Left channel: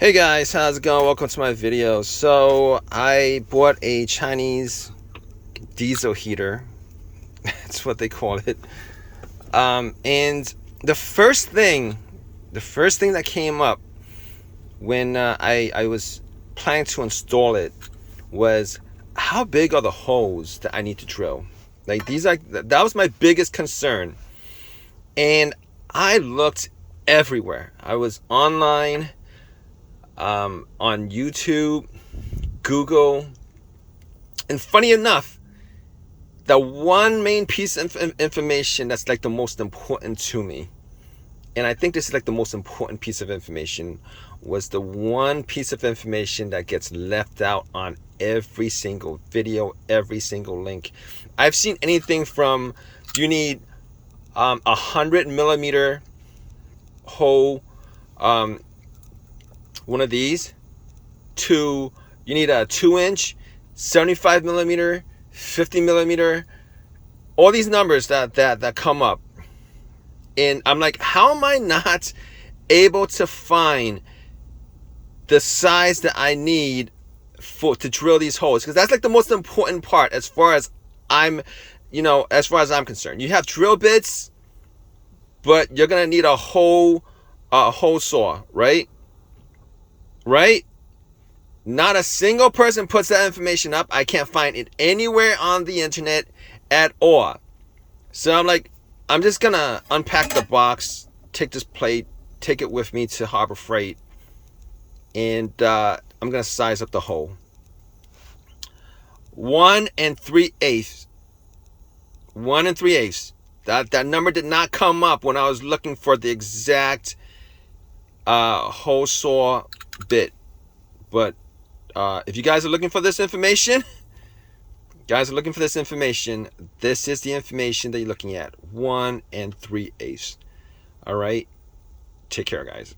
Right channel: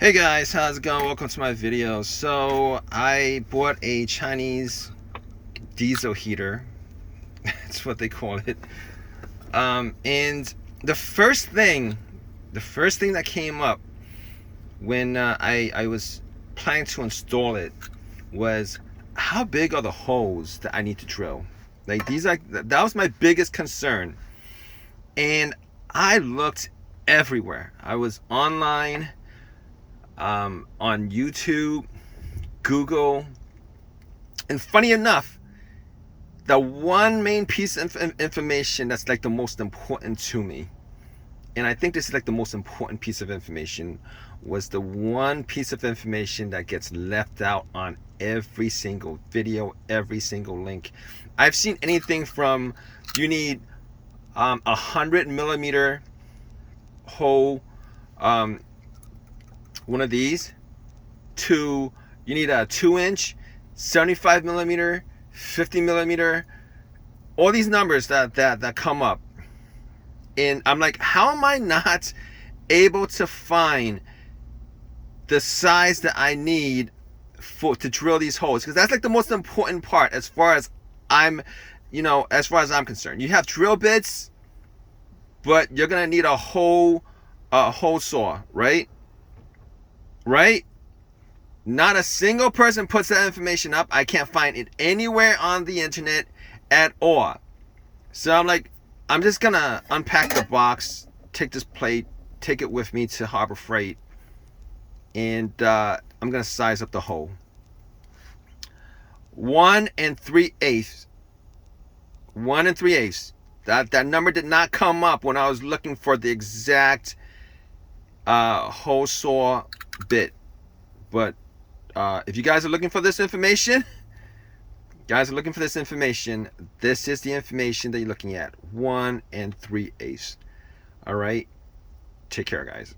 Hey guys, how's it going? Welcome to my video. So I bought a Chinese diesel heater. That's what they call it. And the first thing that came up when I was planning to install it was, how big are the holes that I need to drill? Like that was my biggest concern. And I looked everywhere. I was online, on YouTube, Google, and funny enough, the one main piece of information that's like the most important to me, and I think this is like the most important piece of information, was the one piece of information that gets left out on every single video, every single link. I've seen anything from, you need 100 millimeter hole, one of these, to you need a 2-inch, 75 millimeter, 50 millimeter, all these numbers that come up. And I'm like, how am I not able to find the size that I need to drill these holes? Because that's like the most important part as far as I'm concerned. You have drill bits, but you're gonna need a hole saw, right? Right? Not a single person puts that information up. I can't find it anywhere on the internet at all. So I'm like, I'm just gonna unpack the box, take this plate, take it with me to Harbor Freight, and I'm gonna size up the hole. 1 3/8. 1 3/8. That number did not come up when I was looking for the exact hole saw bit. But if you guys are looking for this information, this is the information that you're looking at. 1 3/8. All right, take care, guys.